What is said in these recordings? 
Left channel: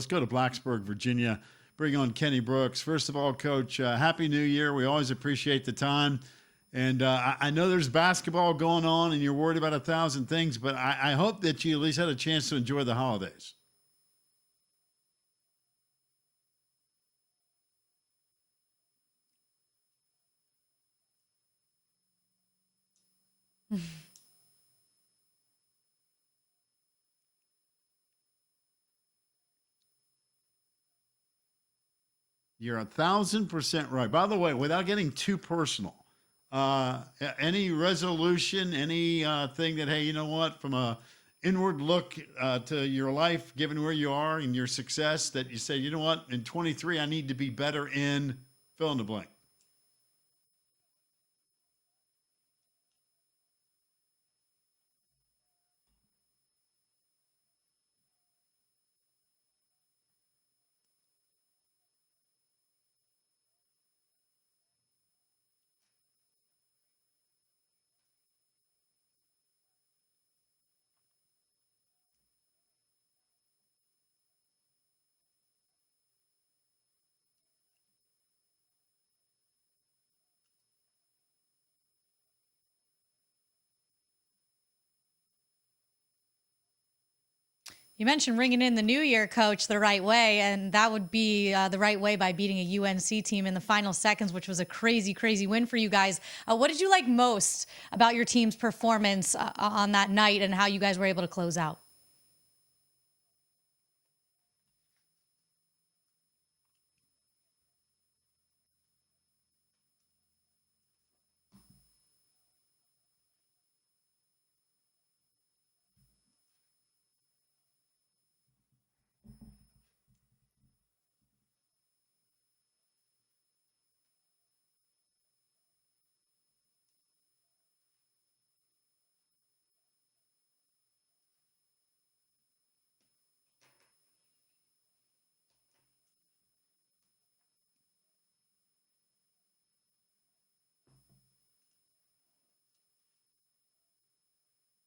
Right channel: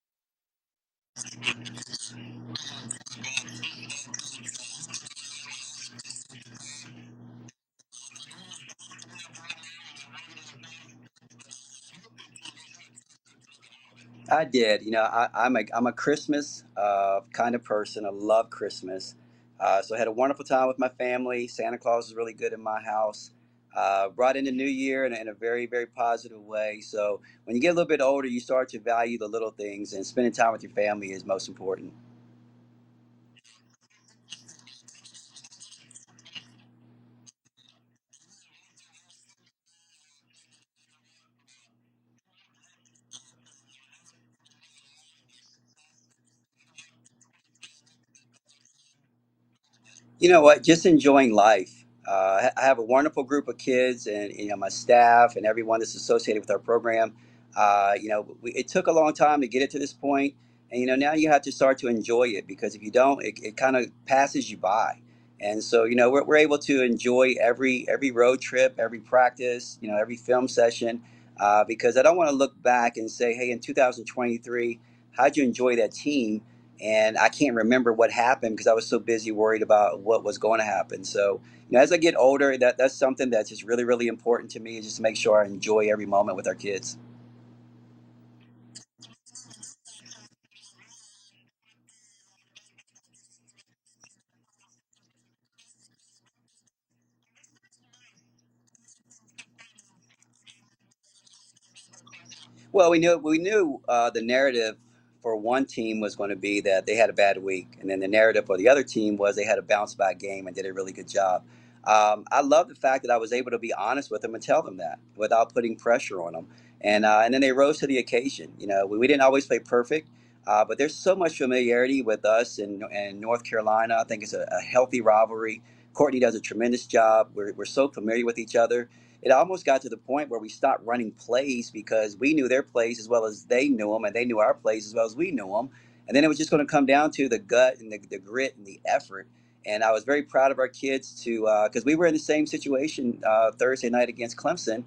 Let's go to Blacksburg, Virginia. Bring on Kenny Brooks. First of all, Coach, Happy New Year. We always appreciate the time. And I know there's basketball going on and you're worried about 1,000 things, but I hope that you at least had a chance to enjoy the holidays. I did. I'm a Christmas kind of person. I love Christmas. So I had a wonderful time with my family. Santa Claus was really good in my house. Brought in the new year in a very, very positive way. So when you get a little bit older, you start to value the little things, and spending time with your family is most important. You're 1,000% right. By the way, without getting too personal, uh, any resolution, any thing that, hey, you know what, from a inward look to your life, given where you are and your success, that you say, you know what, in 23, I need to be better in fill in the blank. You know what? Just enjoying life. I have a wonderful group of kids, and my staff and everyone that's associated with our program. It took a long time to get it to this point, and now you have to start to enjoy it, because if you don't, it kind of passes you by. And so we're able to enjoy every road trip, every practice, every film session, because I don't want to look back and say, hey, in 2023, how'd you enjoy that team? And I can't remember what happened because I was so busy worried about what was going to happen. So, as I get older, that's something that's just really, really important to me, is just to make sure I enjoy every moment with our kids. You mentioned ringing in the new year, Coach, the right way, and that would be the right way by beating a UNC team in the final seconds, which was a crazy, crazy win for you guys. What did you like most about your team's performance on that night and how you guys were able to close out? Well, we knew the narrative for one team was going to be that they had a bad week, and then the narrative for the other team was they had a bounce back game and did a really good job. I love the fact that I was able to be honest with them and tell them that without putting pressure on them, and then they rose to the occasion. We didn't always play perfect, but there's so much familiarity with us in North Carolina. I think it's a healthy rivalry. Courtney does a tremendous job. We're so familiar with each other. It almost got to the point where we stopped running plays because we knew their plays as well as they knew them, and they knew our plays as well as we knew them. And then it was just going to come down to the gut and the grit and the effort. And I was very proud of our kids to, because we were in the same situation Thursday night against Clemson,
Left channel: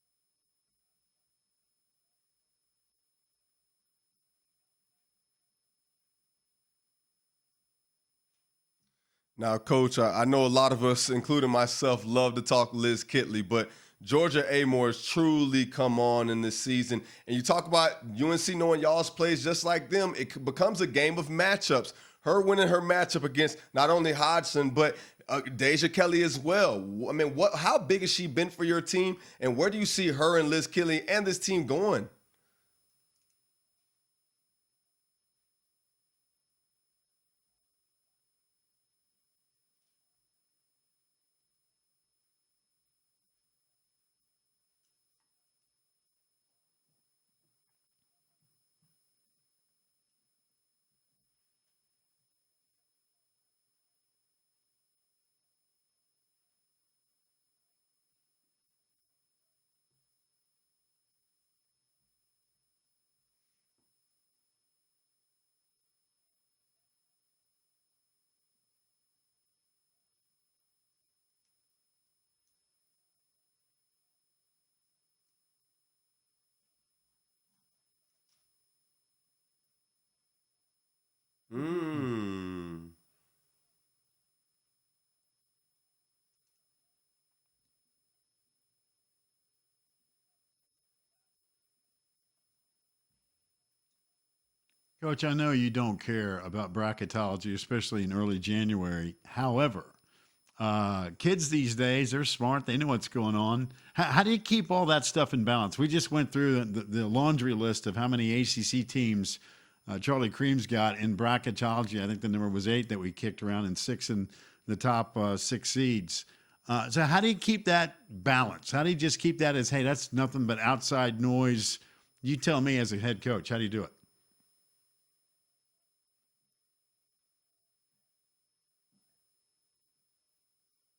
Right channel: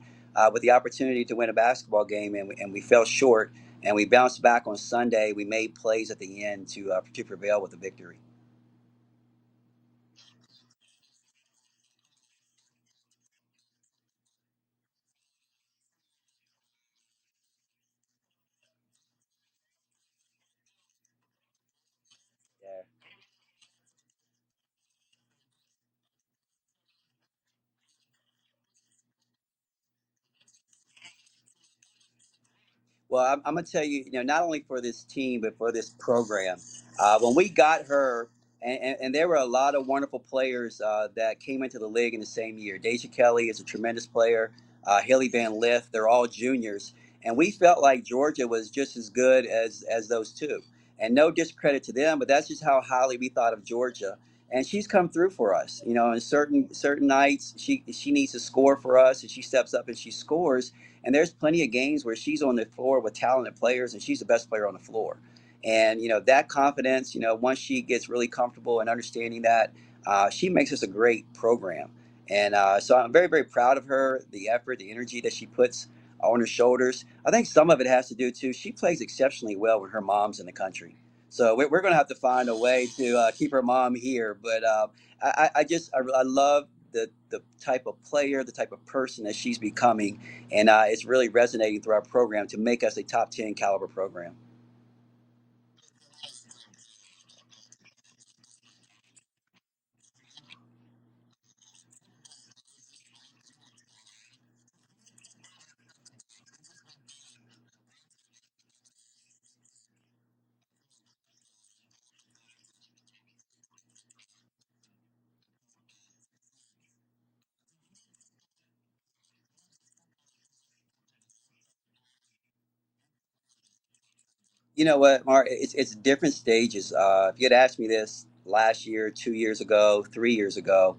with the opportunity to win a basketball game, and we fell short. And we bounced back on Sunday. We made plays at the end to prevail with the victory. Now, Coach, I know a lot of us, including myself, love to talk Liz Kitley, but Georgia Amoore has truly come on in this season. And you talk about UNC knowing y'all's plays just like them. It becomes a game of matchups. Her winning her matchup against not only Hodgson, but Deja Kelly as well. I mean, how big has she been for your team? And where do you see her and Liz Kitley and this team going? Well, I'm going to tell you, not only for this team, but for this program. When we got her, and there were a lot of wonderful players that came into the league in the same year. Deja Kelly is a tremendous player. Haley Van Lith, they're all juniors. And we felt like Georgia was just as good as those two. And no discredit to them, but that's just how highly we thought of Georgia. And she's come through for us. In certain nights, she needs to score for us, and she steps up and she scores. And there's plenty of games where she's on the floor with talented players, and she's the best player on the floor. And that confidence, once she gets really comfortable and understanding that, she makes us a great program. And so I'm very, very proud of her, the effort, the energy that she puts on her shoulders. I think some of it has to do too. She plays exceptionally well when her mom's in the country. So we're going to have to find a way to keep her mom here. But I love the type of player, the type of person that she's becoming, and it's really resonating through our program to make us a top 10 caliber program. Coach, I know you don't care about bracketology, especially in early January. However, kids these days, they're smart. They know what's going on. How do you keep all that stuff in balance? We just went through the laundry list of how many ACC teams Charlie Cream's got in bracketology. I think the number was 8 that we kicked around, and 6 in the top 6 seeds. So how do you keep that balance? How do you just keep that as, hey, that's nothing but outside noise? You tell me as a head coach, how do you do it? You know what, Mark? It's different stages. If you had asked me this last year, 2 years ago, 3 years ago,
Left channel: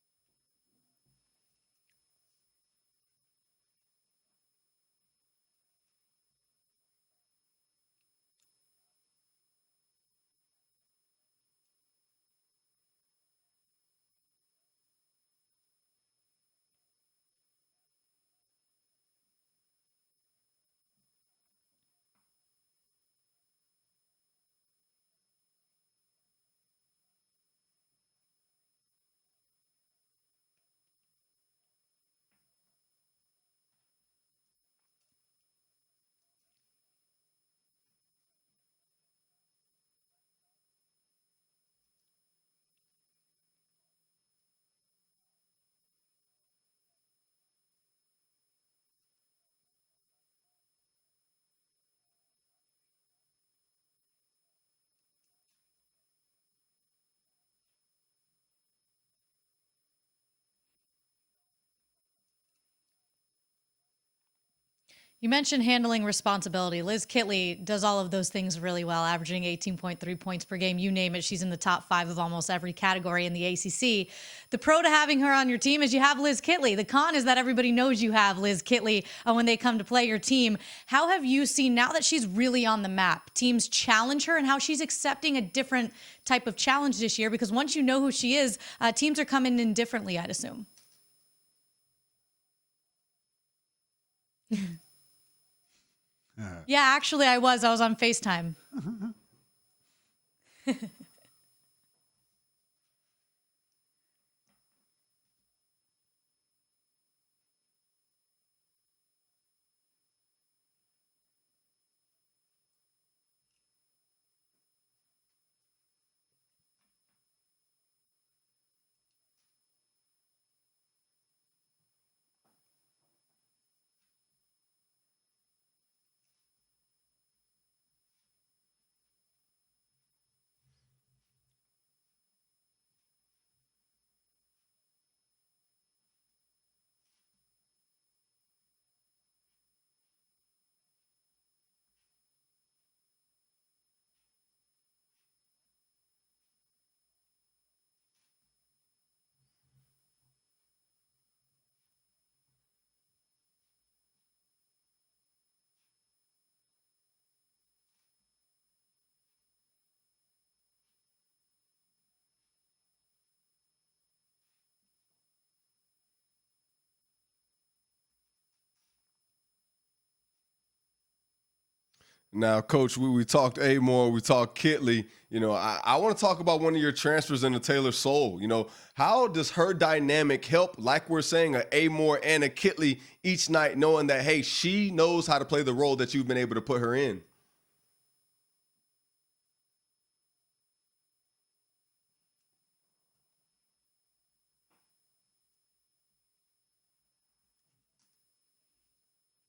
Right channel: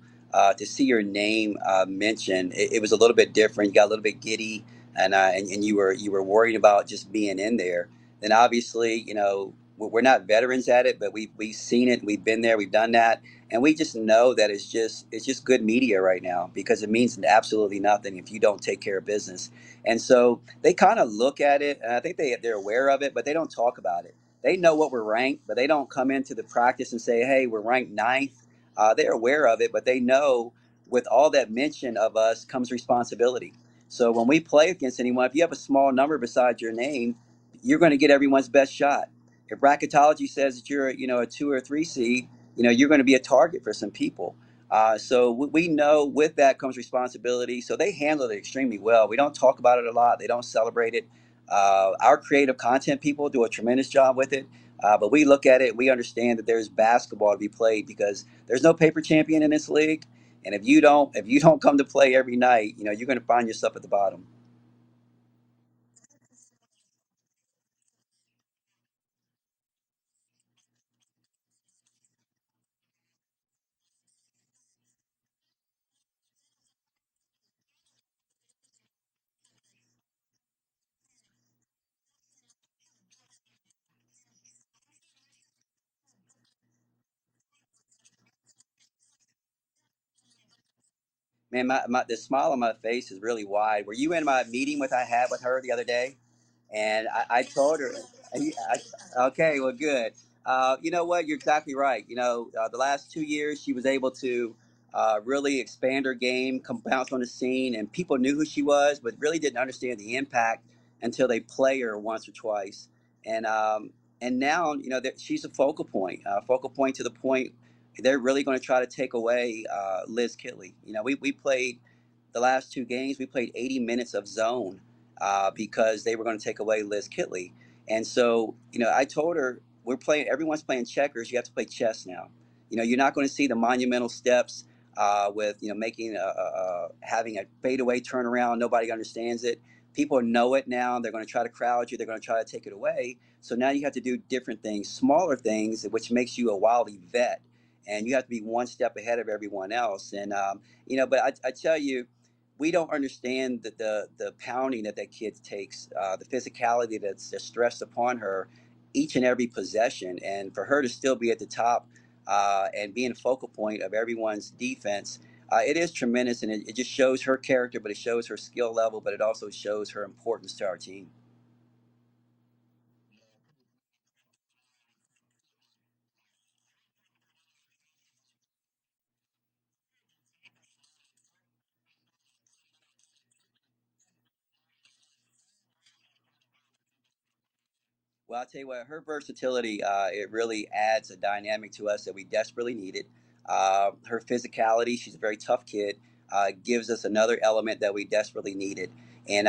to see your name mentioned, it was a little bit different. You got a little bit giddy, and you were worried about just being in there. Then obviously, we're not veterans at it, but we've seen it, we've been there, we've done that, and we just know that it's just good media right now because it means absolutely nothing if you don't take care of business. And so they kind of look at it, and I think they're aware of it, but they don't talk about it. They know what we're ranked, but they don't come into the practice and say, "Hey, we're ranked ninth." They're aware of it, but they know with all that mention of us comes responsibility. So when we play against anyone, if you have a small number beside your name, you're going to get everyone's best shot. If bracketology says that you're, a 2 or 3 seed, you're going to be a target for some people. So we know with that comes responsibility. So they handle it extremely well. We don't talk about it a lot. They don't celebrate it. Our creative content people do a tremendous job with it. But we look at it. We understand that there's basketball to be played because there's no paper champion in this league. And if you don't come to play every night, you're going to find yourself at the bottom. You mentioned handling responsibility. Liz Kitley does all of those things really well, averaging 18.3 points per game. You name it, she's in the top 5 of almost every category in the ACC. The pro to having her on your team is you have Liz Kitley. The con is that everybody knows you have Liz Kitley when they come to play your team. How have you seen, now that she's really on the map, teams challenge her and how she's accepting a different type of challenge this year? Because once you know who she is, teams are coming in differently, I'd assume. Man, the smile on my face is really wide. Were you in my meeting I had with her the other day? Yeah, And actually, I was. I told was on her, FaceTime. okay, well, good. You know what? You're exactly right. The last 2 years, she was able to really expand her game, come bounce on the scene, and people knew who she was, but really didn't understand the impact until they play her once or twice. And now, that she's a focal point to the point they're really going to try to take away Liz Kitley. We played the last 2 games. We played 80 minutes of zone because they were going to take away Liz Kitley. And so, I told her everyone's playing checkers. You have to play chess now. You're not going to see the monumental steps with, making having a fadeaway turnaround. Nobody understands it. People know it now. They're going to try to crowd you. They're going to try to take it away. So now you have to do different things, smaller things, which makes you a wily vet. And you have to be one step ahead of everyone else. And, but I tell you, we don't understand the pounding that kid takes, the physicality that's stressed upon her each and every possession. And for her to still be at the top and being a focal point of everyone's defense, it is tremendous. And it just shows her character, but it shows her skill level, but it also shows her importance to our team. Now, Coach, we talked Amoore, we talked Kitley. I want to talk about one of your transfers into Taylor Soul. How does her dynamic help, like we're saying, a Amoore and a Kitley each night, knowing that, hey, she knows how to play the role that you've been able to put her in? Well, I'll tell you what, her versatility, it really adds a dynamic to us that we desperately needed. Her physicality, she's a very tough kid, gives us another element that we desperately needed. And,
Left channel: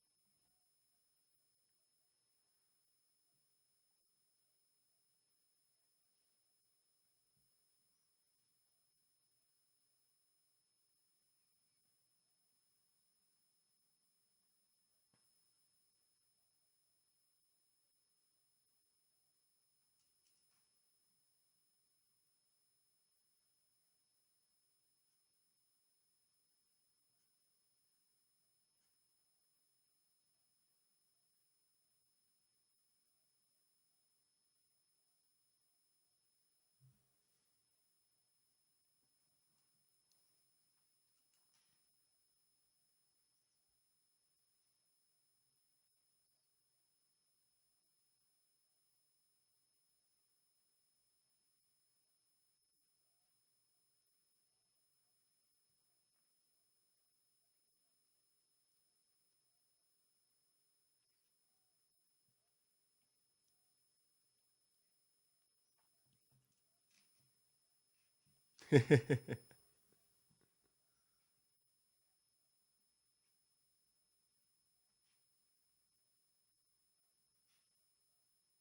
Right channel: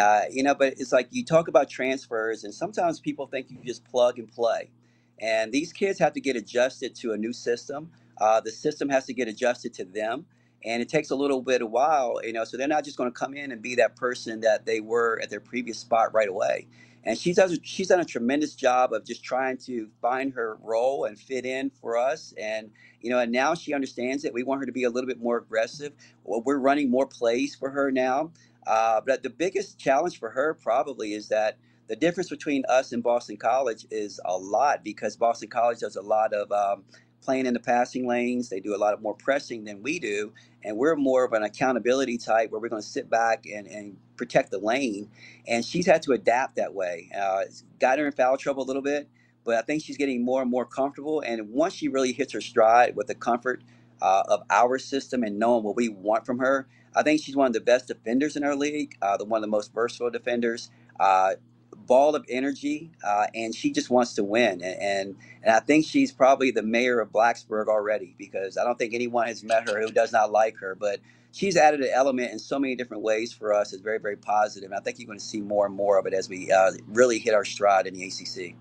but it's like you talk about transfers, and sometimes people think you just plug and play. And these kids have to get adjusted to a new system. The system has to get adjusted to them. And it takes a little bit of while, so they're not just going to come in and be that person that they were at their previous spot right away. And she's done a tremendous job of just trying to find her role and fit in for us. And now she understands it. We want her to be a little bit more aggressive. We're running more plays for her now. But the biggest challenge for her probably is that the difference between us and Boston College is a lot because Boston College does a lot of playing in the passing lanes. They do a lot of more pressing than we do. And we're more of an accountability type where we're going to sit back and protect the lane. And she's had to adapt that way. It's got her in foul trouble a little bit, but I think she's getting more and more comfortable. And once she really hits her stride with the comfort of our system and knowing what we want from her, I think she's one of the best defenders in our league, one of the most versatile defenders, ball of energy, and she just wants to win. And I think she's probably the mayor of Blacksburg already because I don't think anyone has met her who does not like her. But she's added an element in so many different ways for us. It's very, very positive. And I think you're going to see more and more of it as we really hit our stride in the ACC.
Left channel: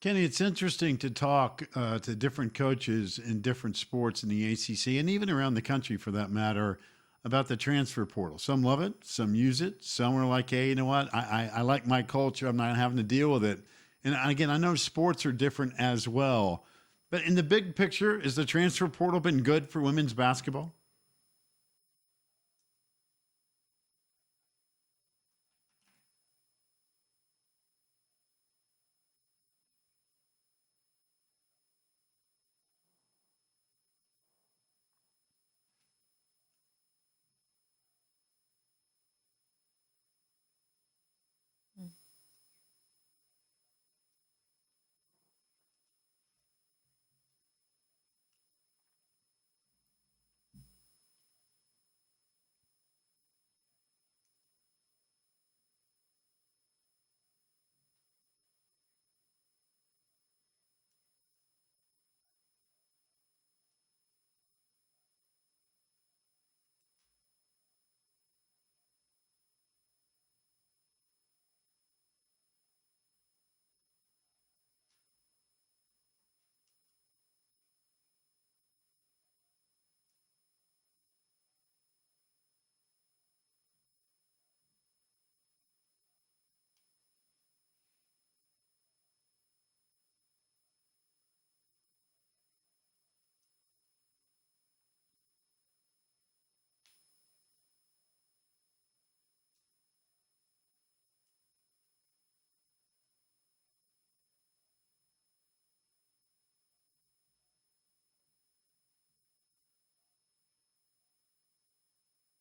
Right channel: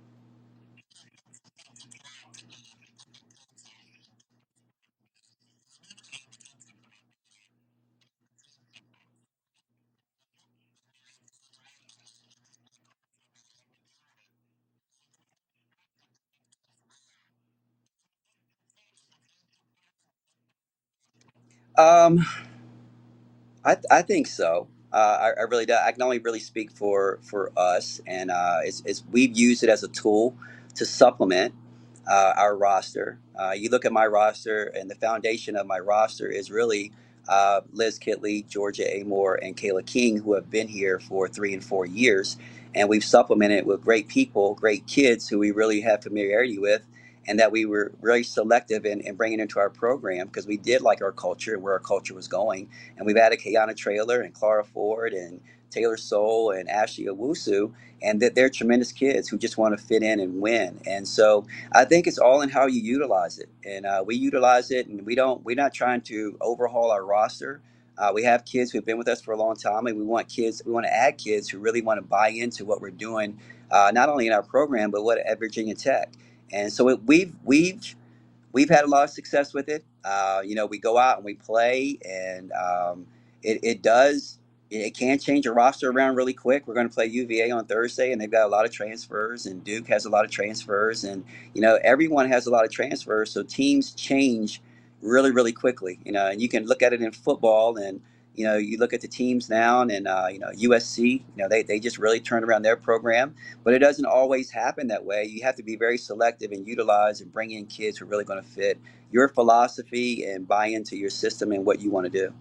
Kenny, it's interesting to talk to different coaches in different sports in the ACC and even around the country for that matter about the transfer portal. Some love it, some use it, some are like, hey, you know what? I like my culture. I'm not having to deal with it. And again, I know sports are different as well. But in the big picture, is the transfer portal been good for women's basketball? Um, I think so. I really do. I can only really speak for us, and it's we've used it as a tool to supplement our roster. You look at my roster, and the foundation of my roster is really Liz Kitley, Georgia Amoore, and Kayla King, who have been here for 3 and 4 years. And we've supplemented with great people, great kids who we really have familiarity with, and that we were very selective in bringing into our program because we did like our culture and where our culture was going. And we've added Kayana Traylor and Clara Ford and Taylor Soul and Ashley Owusu, and that they're tremendous kids who just want to fit in and win. And so I think it's all in how you utilize it, and we utilize it, and we're not trying to overhaul our roster. We have kids who've been with us for a long time, and we want kids. We want to add kids who really want to buy into what we're doing, not only in our program but what at Virginia Tech. And so we've had a lot of success with it. We go out and we play, and it does. It can change a roster around really quick. We're going to play UVA on Thursday, and they've got a lot of transfers, and Duke has a lot of transfers, and everyone has a lot of transfers. So teams change really, really quickly. And you can look at it in football, and you look at the teams now, and USC. They just really turned around their program, but it doesn't always happen that way. You have to be very selective and utilize and bring in kids who are really going to fit your philosophy and buy into your system and what you want to do.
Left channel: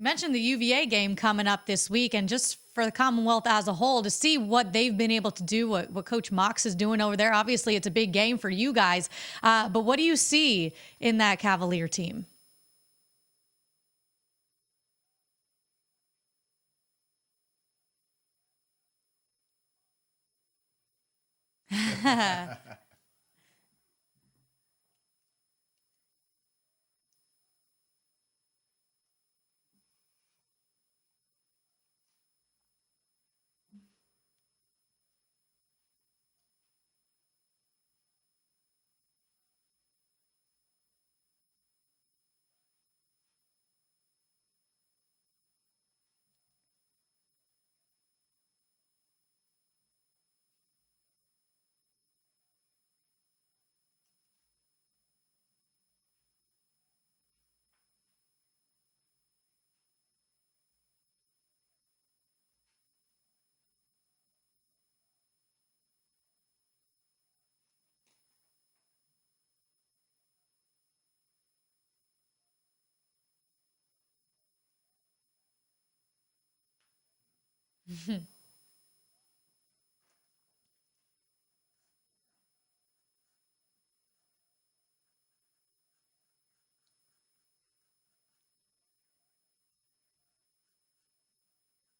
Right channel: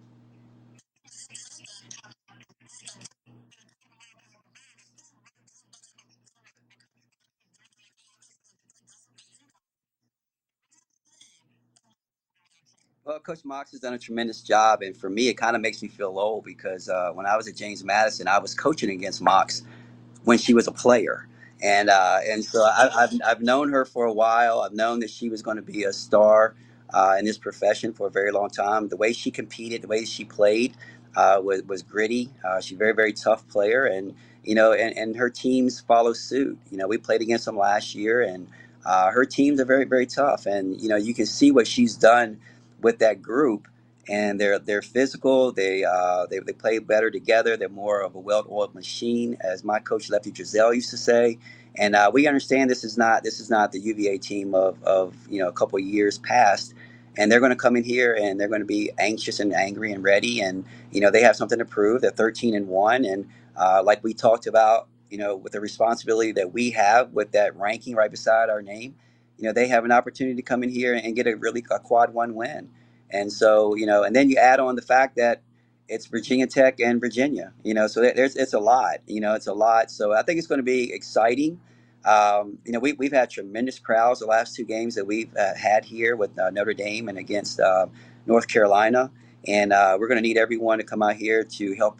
You mentioned the UVA game coming up this week, and just for the Commonwealth as a whole, to see what they've been able to do, what Coach Mox is doing over there. Obviously, it's a big game for you guys, but what do you see in that Cavalier team? Well, Coach Mox has done a tremendous job, and for me, it kind of makes me feel old because when I was at James Madison, I was coaching against Mox when she was a player. And so I've known her for a while. I've known that she was going to be a star in this profession for a very long time. The way she competed, the way she played was gritty. She's a very, very tough player. And her teams follow suit. We played against them last year, and her teams are very, very tough. And, you can see what she's done with that group. And they're physical. They play better together. They're more of a well-oiled machine, as my coach Lefty Drizel used to say. And we understand this is not the UVA team of a couple of years past. And they're going to come in here and they're going to be anxious and angry and ready. And they have something to prove. They're 13-1, and like we talked about, with the responsibility that we have with that ranking right beside our name, they have an opportunity to come in here and get a quad one win. And so, and then you add on the fact that it's Virginia Tech and Virginia, so it's a lot, it's a lot. So I think it's going to be exciting. We've had tremendous crowds the last two games that we've had here with Notre Dame and against North Carolina. And we're going to need everyone to come out here to help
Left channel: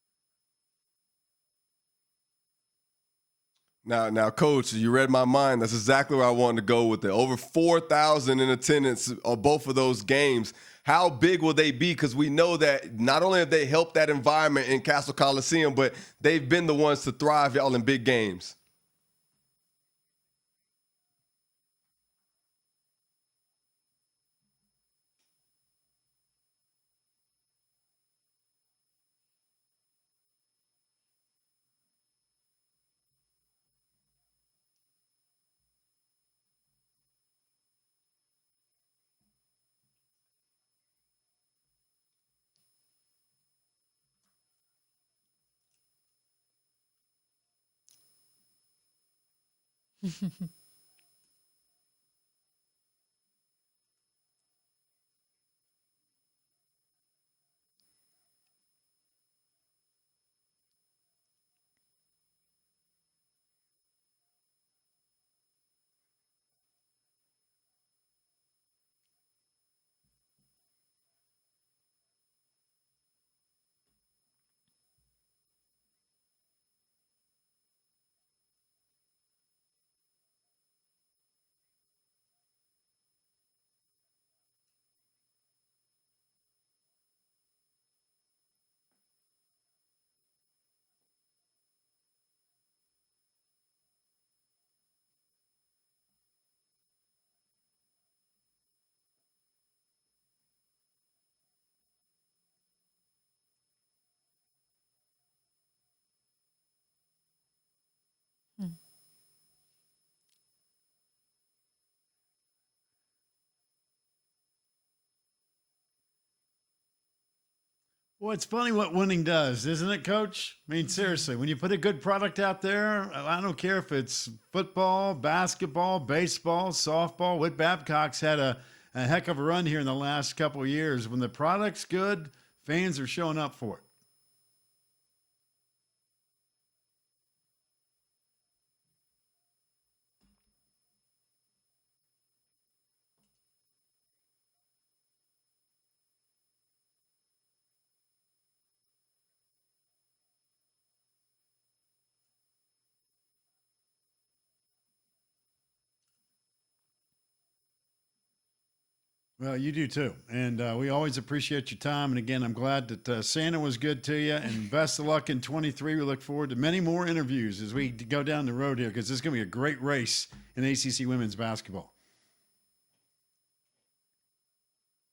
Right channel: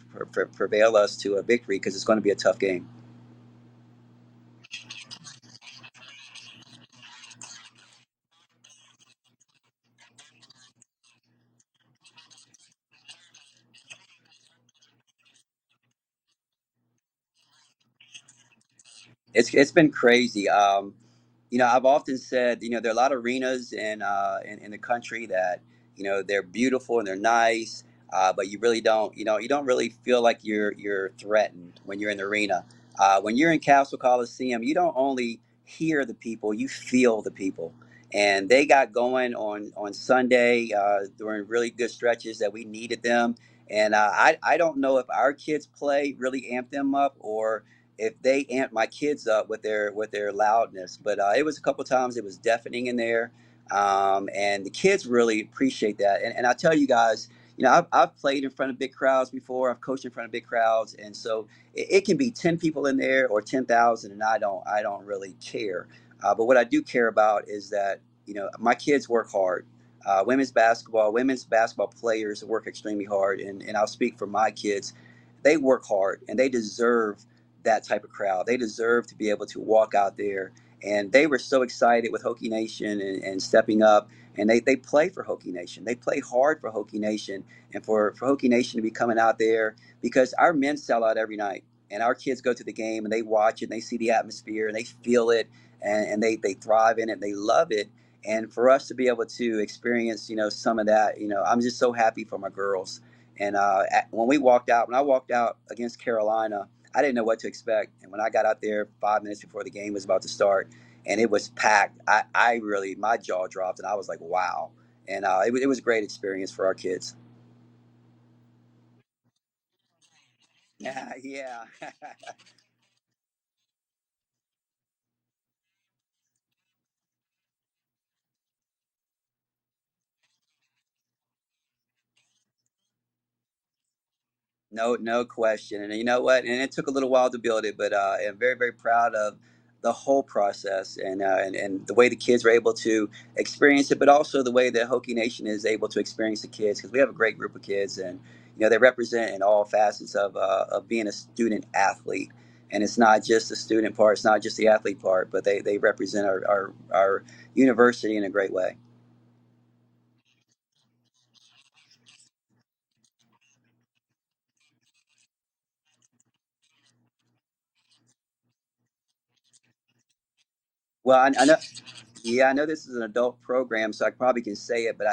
prevail us to a victory because it's going to be a tough game. Now, Coach, you read my mind. That's exactly where I wanted to go with it. Over 4,000 in attendance of both of those games. How big will they be? Because we know that not only have they helped that environment in Castle Coliseum, but they've been the ones to thrive, y'all, in big games. It's been crazy. I've often said, there are a lot of arenas in the country that, they're beautiful and they're nice, but you really don't, you don't really feel like you're threatened when you're in the arena. When you're in Castle Coliseum, you don't only hear the people, you feel the people. And they got going on Sunday during really good stretches that we needed them. And I don't know if our kids play really amped them up or if they amped my kids up with their loudness. But it was a couple times it was deafening in there. And the kids really appreciate that. And I tell you guys, I've played in front of big crowds before. I've coached in front of big crowds. And so it can be 10 people in there or 10,000, and I don't really care. But what I do care about is that, my kids work hard. Women's basketball players work extremely hard. And I'll speak for my kids. They work hard and they deserve that type of crowd. They deserve to be able to walk out there. And they were so excited with Hokie Nation and stepping up. And they play for Hokie Nation. They play hard for Hokie Nation and for Hokie Nation to be coming out there because our men sell out every night. And our kids go to the game and they watch it and they see the atmosphere and they feel it and they thrive in it. And they love it. And for us to be able to experience, some of that, I'm just so happy for my girls. And when I walked out against Carolina, I didn't know what to expect. And when I got out there 5 minutes before the game was about to start and it was packed, I really, my jaw dropped and I was like, wow. And it was a great experience for our kids. Well, it's funny what winning does, isn't it, Coach? I mean, seriously, when you Yeah. put a good product out there, I don't care if it's football, basketball, baseball, softball. Whit Babcock's had a heck of a run here in the last couple of years. When the product's good, fans are showing up for it. No question. And you know what? And it took a little while to build it, but I'm very, very proud of the whole process and the way the kids were able to experience it, but also the way that Hokie Nation is able to experience the kids because we have a great group of kids, and they represent in all facets of being a student athlete. And it's not just the student part, it's not just the athlete part, but they represent our university in a great way. Well, you do too. And we always appreciate your time. And again, I'm glad that Santa was good to you. And best of luck in 23. We look forward to many more interviews as we go down the road here because this is going to be a great race in ACC Well, women's I know, basketball. yeah, I know this is an adult program, so I probably can say it, but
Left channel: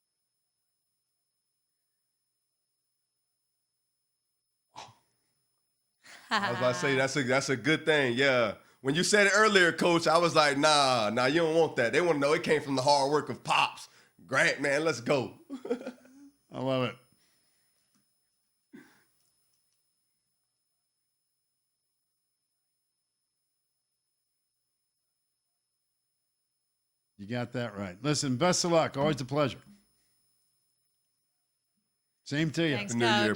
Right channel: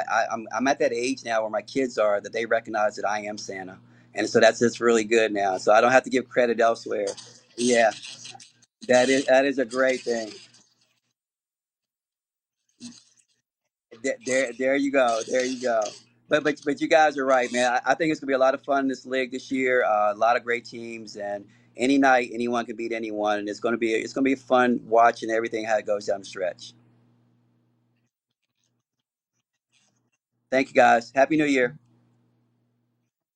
I'm at that age now where my kids are that they recognize that I am Santa, and so that's really good now. So I don't have to give credit I'll elsewhere. say that's a good Yeah. thing. Yeah. When you said it that is a earlier, great Coach, I thing. was like, nah, you don't want that. They want to know it came from the hard work of Pops. Right, There man, you let's go. go. There you go. But love you it. guys are right, man. I think it's gonna be a lot of fun in this league this year. A lot of great teams, and any night anyone can beat anyone, and it's gonna be fun watching everything how it goes down the stretch. You got that right. Listen, best of luck. Always a pleasure. Thank you guys. Happy New Year. Same to you. Thanks, New Year. Coach.